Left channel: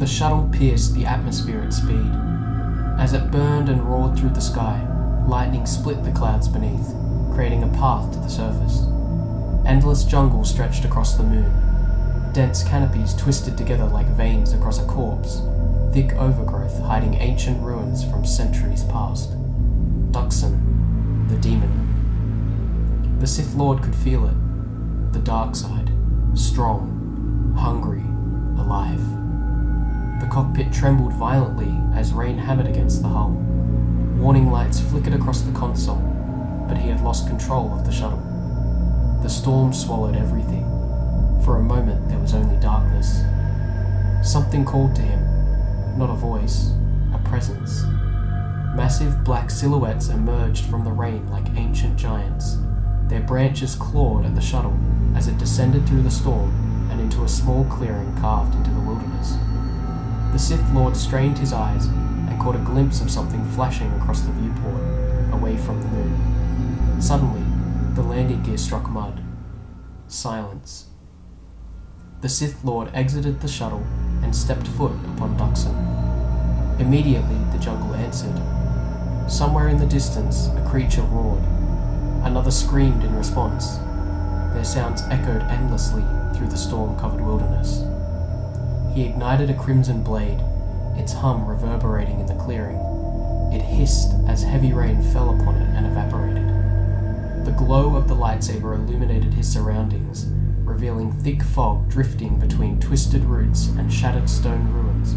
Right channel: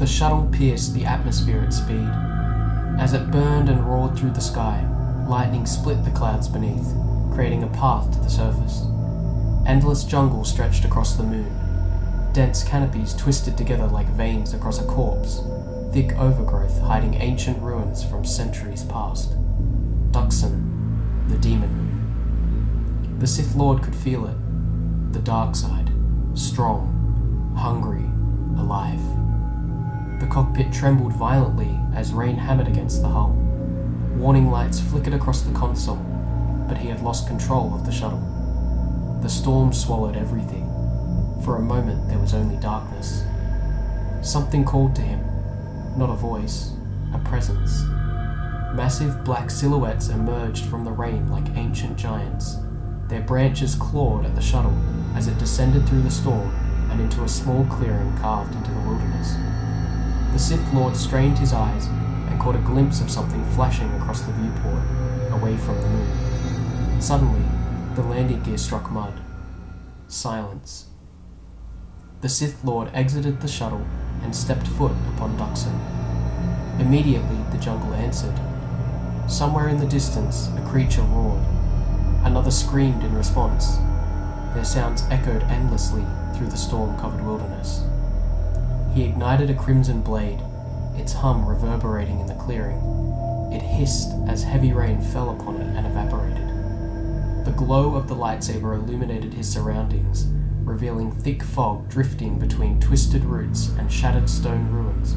The shuttle pierced the atmosphere at speed. As it burned and roared through the sky, lightning split the clouds beneath, creating a path to the surface. Endless jungle stretched across the moon. Dense canopies twisted together like veins across a corpse, thick overgrowth hiding ancient ruins from centuries past. Dxun, the demon moon. The Sith Lord could feel it. The dark side, strong, hungry, alive. The cockpit trembled violently as rain hammered against the hull. Warning lights flickered across the console, but he had lost control of the shuttle. The storm swallowed everything. For a moment there was only darkness. Something called to him, not a voice, a presence. Massive black silhouettes emerged from the rain like ancient giants. Their branches clawed at the shuttle as it descended through the storm and into a small clearing carved into the wilderness. The Sith Lord strained his eyes and caught a glimpse of something flashing across the viewport, away from the moon. Suddenly, the landing gear struck mud. Silence. The Sith Lord exited the shuttle and stepped foot upon Dxun. Immediately, the jungle answered. Somewhere in the distance, a creature roared. Another screamed in response. Their sounds echoed endlessly through the storm-covered wilderness. He ignited a crimson blade, its hum reverberating in the clearing. It hissed as heavy rain fell upon it and evaporated. The glow of the lightsaber illuminated his surroundings, revealing thick fog drifting between twisted roots and shattered stone ruins,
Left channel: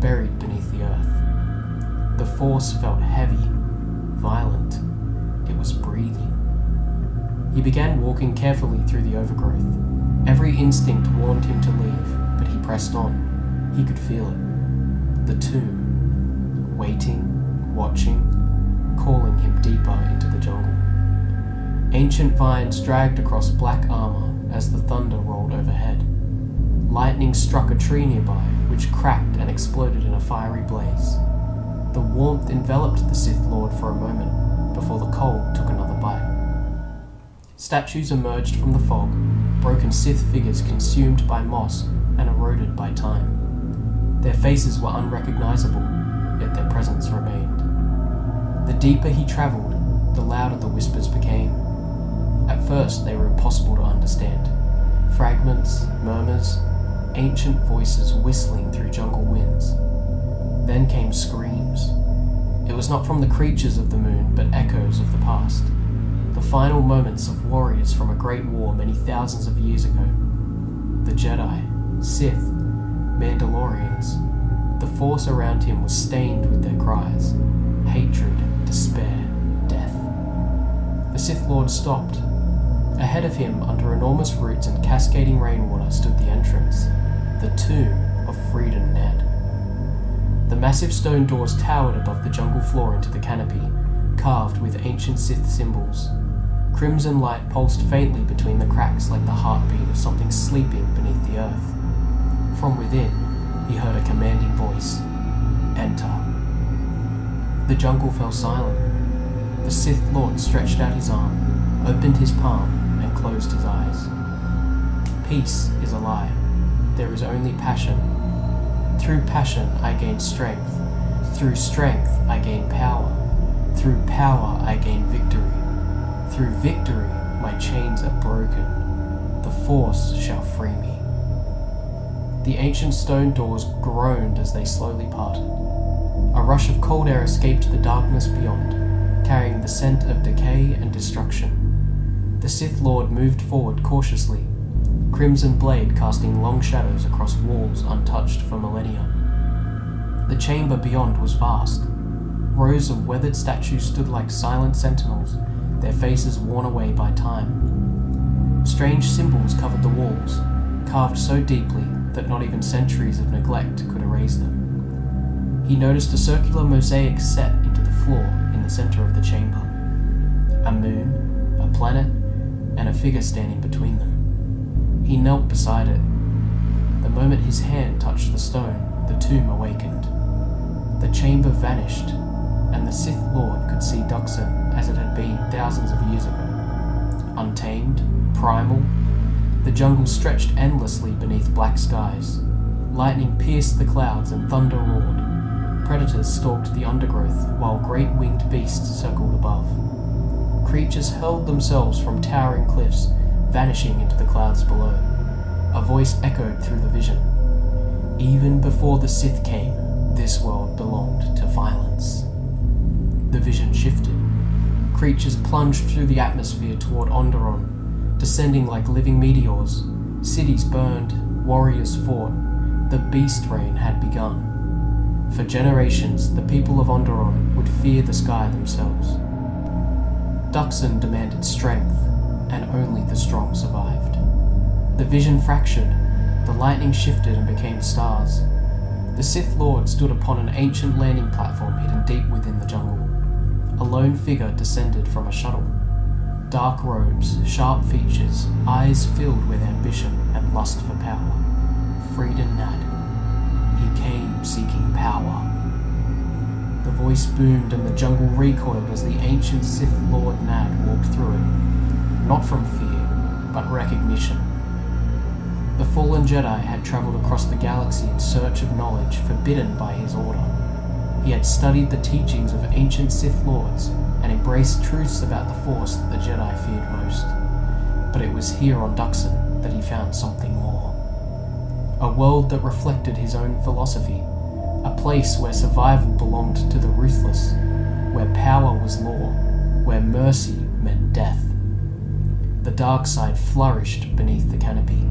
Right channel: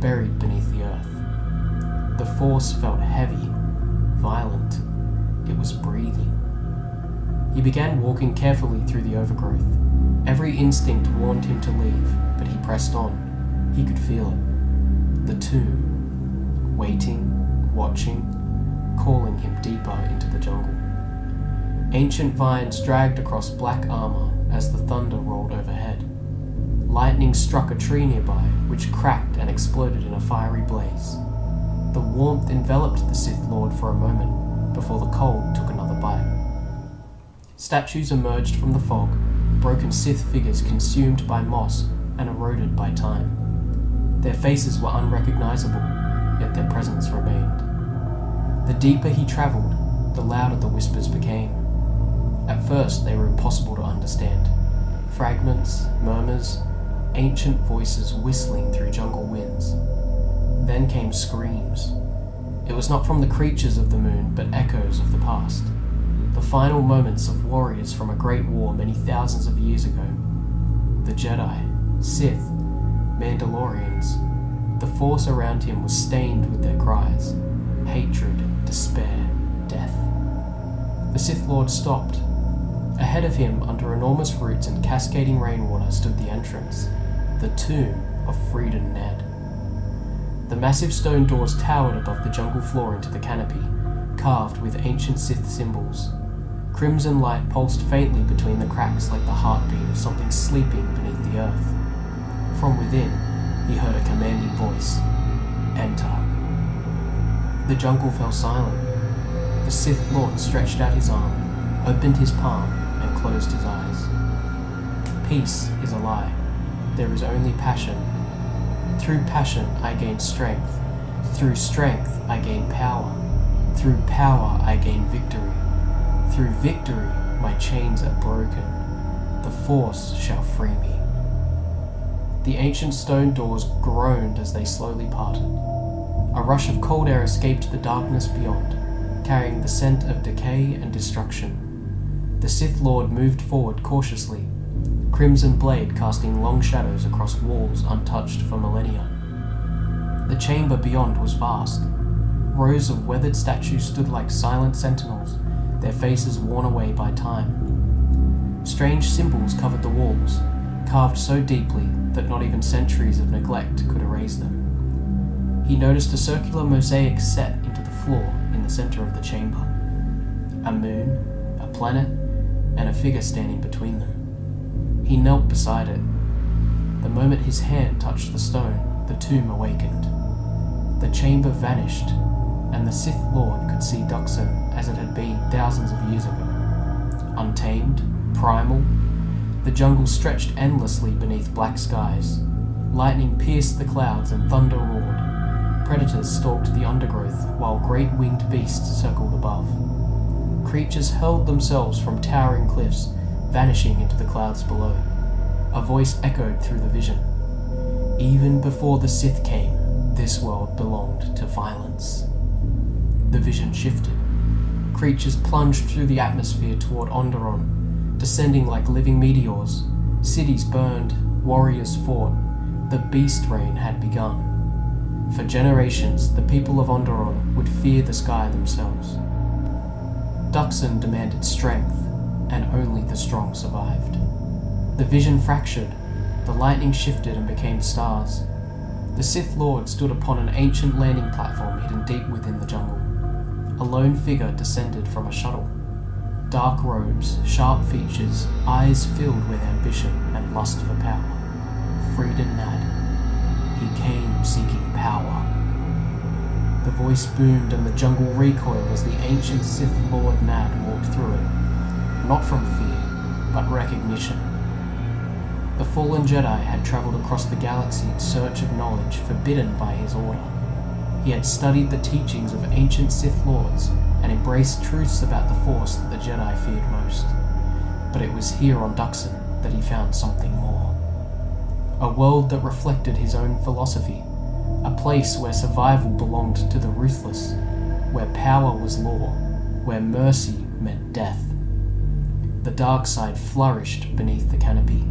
buried beneath the earth. The force felt heavy, violent. It was breathing. He began walking carefully through the overgrowth. Every instinct warned him to leave, but he pressed on. He could feel it. The tomb, waiting, watching, calling him deeper into the jungle. Ancient vines dragged across black armor as the thunder rolled overhead. Lightning struck a tree nearby, which cracked and exploded in a fiery blaze. The warmth enveloped the Sith Lord for a moment, before the cold took another bite. Statues emerged from the fog, broken Sith figures consumed by moss and eroded by time. Their faces were unrecognizable, yet their presence remained. The deeper he traveled, the louder the whispers became. At first they were impossible to understand. Fragments, murmurs, ancient voices whistling through jungle winds. Then came screams. It was not from the creatures of the moon, but echoes of the past. The final moments of warriors from a great war many thousands of years ago. The Jedi, Sith, Mandalorians. The force around him was stained with their cries. Hatred, despair, death. The Sith Lord stopped. Ahead of him, under enormous roots and cascading rainwater, stood the entrance, the tomb of Freedon Nadd. The massive stone doors towered above the jungle floor into the canopy, carved with ancient Sith symbols. Crimson light pulsed faintly between the cracks like the heartbeat of something sleeping beneath the earth. From within, he heard a commanding voice. Enter. The jungle fell silent. The Sith Lord stretched out his arm, opened his palm, and closed his eyes. Peace is a lie. There is only passion. Through passion I gain strength. Through strength I gain power. Through power I gain victory. Through victory my chains are broken. The Force shall free me. The ancient stone doors groaned as they slowly parted. A rush of cold air escaped the darkness beyond, carrying the scent of decay and destruction. The Sith Lord moved forward cautiously, crimson blade casting long shadows across walls untouched for millennia. The chamber beyond was vast. Rows of weathered statues stood like silent sentinels, their faces worn away by time. Strange symbols covered the walls, carved so deeply that not even centuries of neglect could erase them. He noticed a circular mosaic set into the floor in the center of the chamber. A moon, a planet, and a figure standing between them. He knelt beside it. The moment his hand touched the stone, the tomb awakened. The chamber vanished, and the Sith Lord could see Dxun as it had been thousands of years ago. Untamed, primal, the jungle stretched endlessly beneath black skies. Lightning pierced the clouds and thunder roared. Predators stalked the undergrowth while great winged beasts circled above. Creatures hurled themselves from towering cliffs, vanishing into the clouds below. A voice echoed through the vision. Even before the Sith came, this world belonged to violence. The vision shifted. Creatures plunged through the atmosphere toward Onderon, descending like living meteors. Cities burned, warriors fought. The beast reign had begun. For generations, the people of Onderon would fear the sky themselves. Dxun demanded strength, and only the strong survived. The vision fractured. The lightning shifted and became stars. The Sith Lord stood upon an ancient landing platform hidden deep within the jungle. A lone figure descended from a shuttle. Dark robes, sharp features, eyes filled with ambition and lust for power. Freedon Nadd. He came seeking power. The voice boomed and the jungle recoiled as the ancient Sith Lord Nadd walked through it. Not from fear, but recognition. The fallen Jedi had travelled across the galaxy in search of knowledge forbidden by his order. He had studied the teachings of ancient Sith Lords and embraced truths about the Force that the Jedi feared most. But it was here on Dxun that he found something more. A world that reflected his own philosophy, a place where survival belonged to the ruthless, where power was law, where mercy meant death. The dark side flourished beneath the canopy.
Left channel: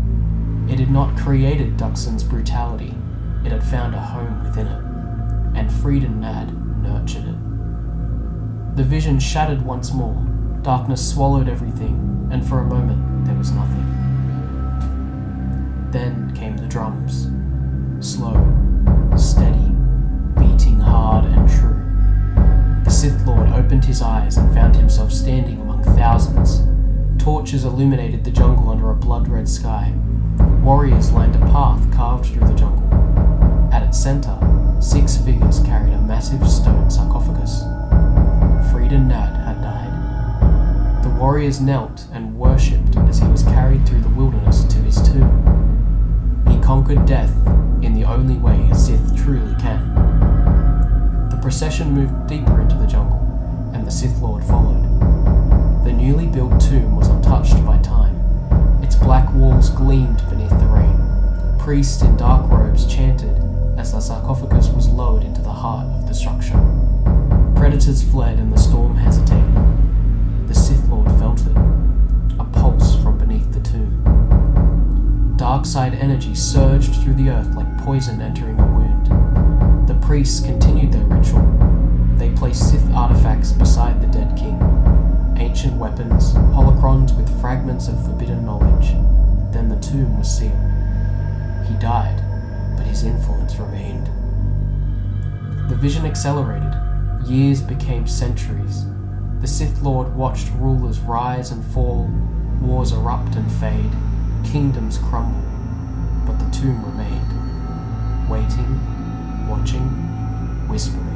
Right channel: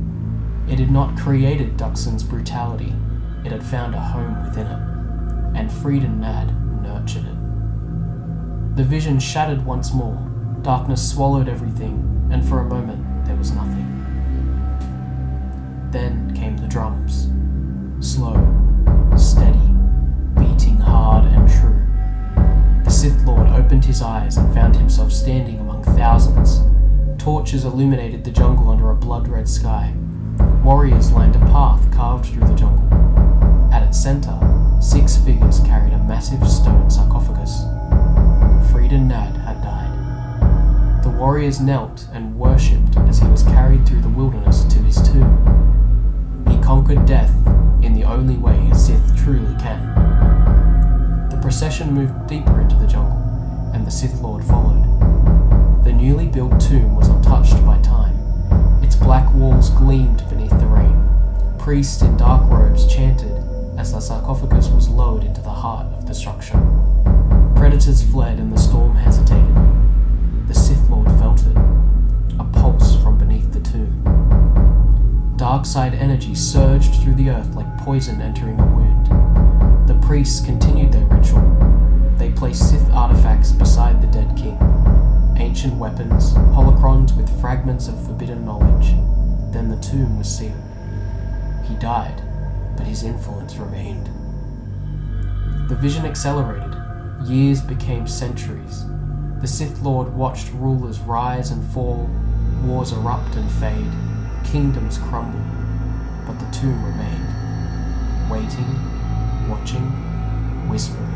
It had not created Dxun's brutality, it had found a home within it, and Freedon Nadd nurtured it. The vision shattered once more, darkness swallowed everything, and for a moment there was nothing. Then came the drums, slow, steady, beating hard and true. The Sith Lord opened his eyes and found himself standing among thousands. Torches illuminated the jungle under a blood-red sky. Warriors lined a path carved through the jungle. At its center, 6 figures carried a massive stone sarcophagus. Freedon Nadd had died. The warriors knelt and worshipped as he was carried through the wilderness to his tomb. He conquered death in the only way a Sith truly can. The procession moved deeper into the jungle, and the Sith Lord followed. The newly built tomb was untouched by time. Its black walls gleamed beneath the rain. Priests in dark robes chanted as the sarcophagus was lowered into the heart of the structure. Predators fled and the storm hesitated. The Sith Lord felt it, a pulse from beneath the tomb. Dark side energy surged through the earth like poison entering a wound. The priests continued their ritual. They placed Sith artifacts beside the dead king. Ancient weapons, holocrons with fragments of forbidden knowledge. Then the tomb was sealed. He died, but his influence remained. The vision accelerated. Years became centuries. The Sith Lord watched rulers rise and fall, wars erupt and fade, kingdoms crumble, but the tomb remained, waiting, watching, whispering.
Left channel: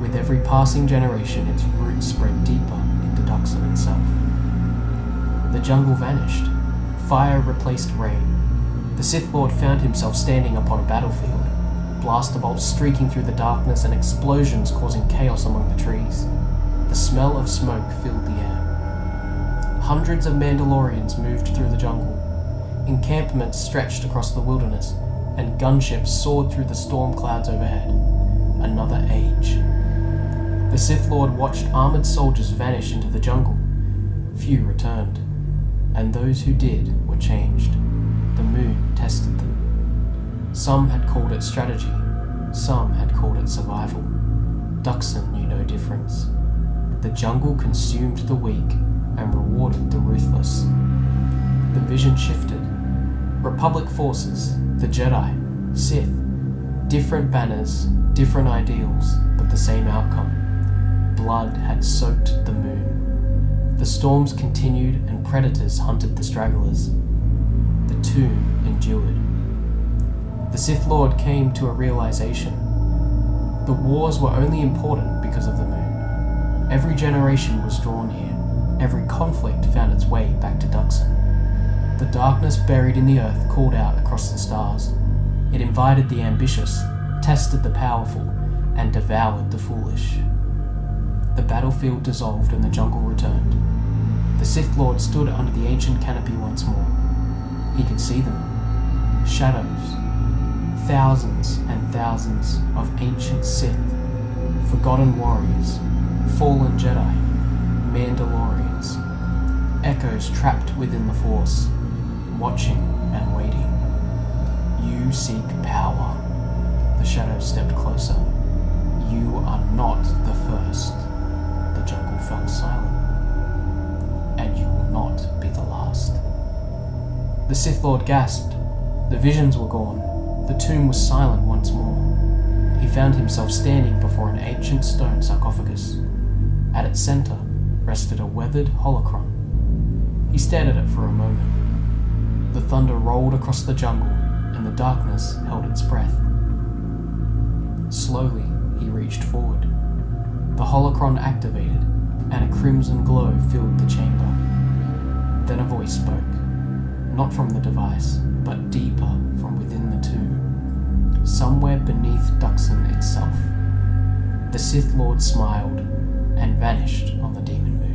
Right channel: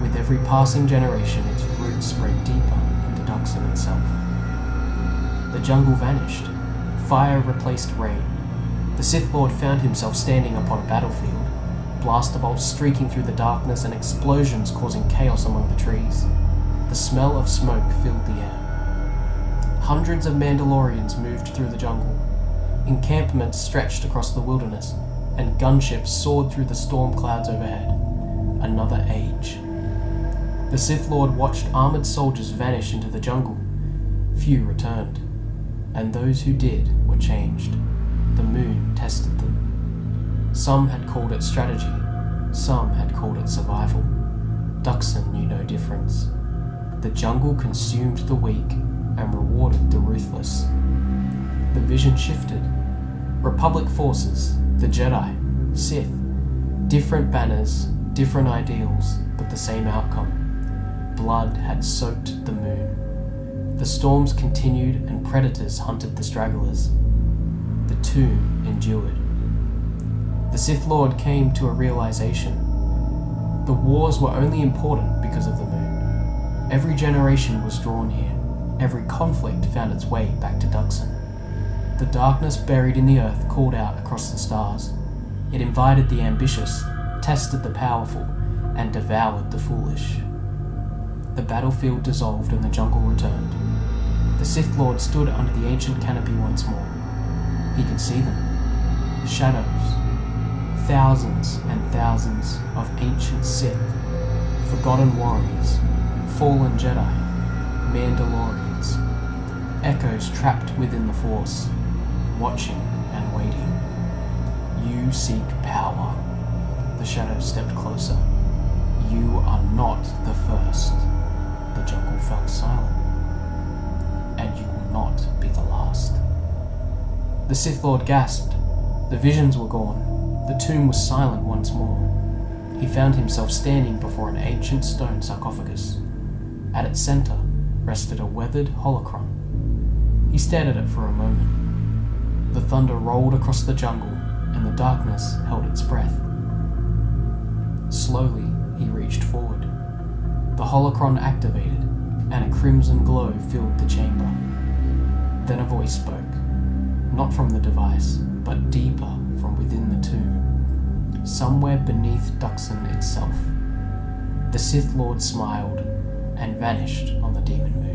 With every passing generation, its roots spread deeper into Dxun itself. The jungle vanished. Fire replaced rain. The Sith Lord found himself standing upon a battlefield, blaster bolts streaking through the darkness and explosions causing chaos among the trees. The smell of smoke filled the air. Hundreds of Mandalorians moved through the jungle. Encampments stretched across the wilderness, and gunships soared through the storm clouds overhead. Another age. The Sith Lord watched armored soldiers vanish into the jungle. Few returned, and those who did were changed. The moon tested them. Some had called it strategy, some had called it survival. Dxun knew no difference. The jungle consumed the weak and rewarded the ruthless. The vision shifted. Republic forces, the Jedi, Sith, different banners, different ideals, but the same outcome. Blood had soaked the moon. The storms continued and predators hunted the stragglers. The tomb endured. The Sith Lord came to a realization. The wars were only important because of the moon. Every generation was drawn here. Every conflict found its way back to Dxun. The darkness buried in the earth called out across the stars. It invited the ambitious, tested the powerful, and devoured the foolish. The battlefield dissolved and the jungle returned. The Sith Lord stood under the ancient canopy once more. He could see them. Shadows. Thousands and thousands of ancient Sith, forgotten warriors, fallen Jedi, Mandalorians. Echoes trapped within the Force, watching and waiting. You seek power. The shadows stepped closer. You are not the first. The jungle fell silent. And you will not be the last. The Sith Lord gasped. The visions were gone. The tomb was silent once more. He found himself standing before an ancient stone sarcophagus. At its center rested a weathered holocron. He stared at it for a moment. The thunder rolled across the jungle, and the darkness held its breath. Slowly, he reached forward. The holocron activated, and a crimson glow filled the chamber. Then a voice spoke, not from the device, but deeper from within the tomb, somewhere beneath Dxun itself. The Sith Lord smiled and vanished on the demon moon.